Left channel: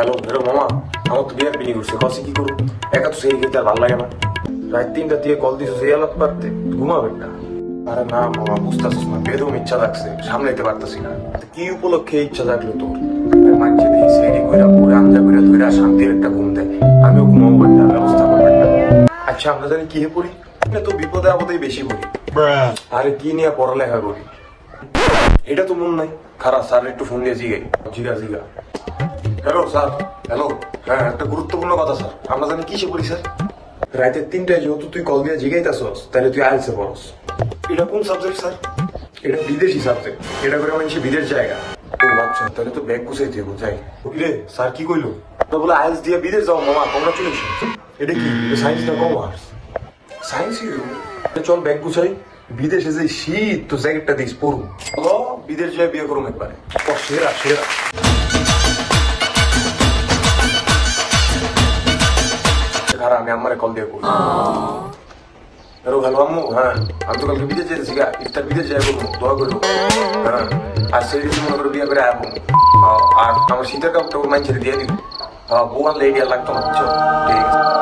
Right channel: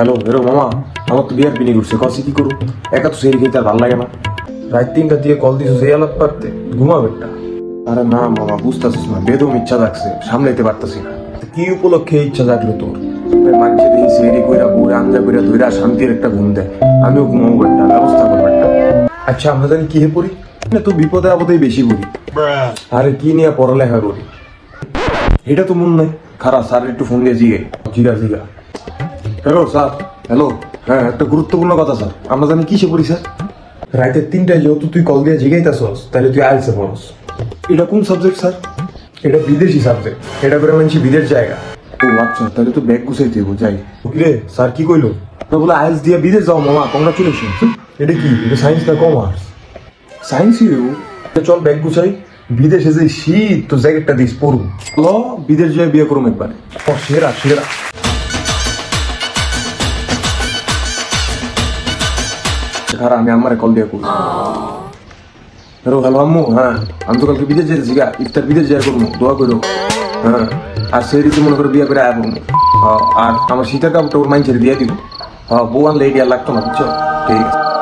Hello Hero মামা, আমার তো বিয়ার পিনি করছে, কসি কি করু? একা তো সেই খেতে আর ভালো লাগে না। রাত 3টা দিয়ে কল দিছো সেই আলাপ পারতে ঘুমাবে একটা। আরে না মামা, বুঝতেছিস না, বেদম ইচ্ছা লাগছে, সামলাইতে পারতাছি না। কি উপলক্ষে ইচ্ছা জাগলো তোর? মানছে দেখি সেরি কইরা বউরে আঞ্জা কইরা ধইরা শান্তির একটা ঘুম দেয়, আমিও ঘুমাবো একটা, ব্যবস্থা করবো একটা। আচ্ছা আমরা জানি কি হে পড়ি না, তো বিপদে আপদেই বেশি পড়ি। আরে কি নিয়ে পড়ালেখা করি এটা তো মন নাই। খারাপ স্যার একটু ফোন দিয়ে জিগে জিগা। Hello sir, hello. হ্যাঁ, একটা গুরুত্বপূর্ণ কথা স্যার, আমরা জানি কিসে পড়ি স্যার? রাতে 3টায় যেহেতু তুই কল দিয়ে জিগাইতাছস, তাহলে তুই আইলসে পড়স। এটা কোন সাবজেক্ট স্যার? এটা বিদেশি সাবজেক্ট, এটা করে মানছি বিদেশ জায়গা। ও আচ্ছা, তাহলে তো ব্যাগ গুছাইতে হবো, যাই। রে স্যার কি কইলো? না বলে আইলস দিয়ে বিদেশ যাও মামা, কংগ্রাচুলেশন। এটা কি, এটা সায়েন্স না কমার্স? সায়েন্সই দেবো। চল ব্যাগ গুছাই, বিদেশে যে শীত, তো জ্যাকেটটা দিস পড়ুন। ল বিদেশ যাই বিয়ে করুন একবারে। সেরা সেরা। আমি আমারে কল দিয়ে করবো। হ্যালো হ্যালো আম্মু, হ্যাঁ আমি তো কালকে বিদেশ যেতেছি গা, ইফতার বিদেশ যাই করবো, দোয়া করো। হ্যাঁ, আর সেই রীতি মনে করে বিয়ে করে আয় করবো। আর আমার শীতের কাপড়টা ওর মাইন ছেড়ে দিয়ে দিব। হ্যাঁ, বউ আনলে এই লাগতো না, বুঝছো? ঠিক আছে।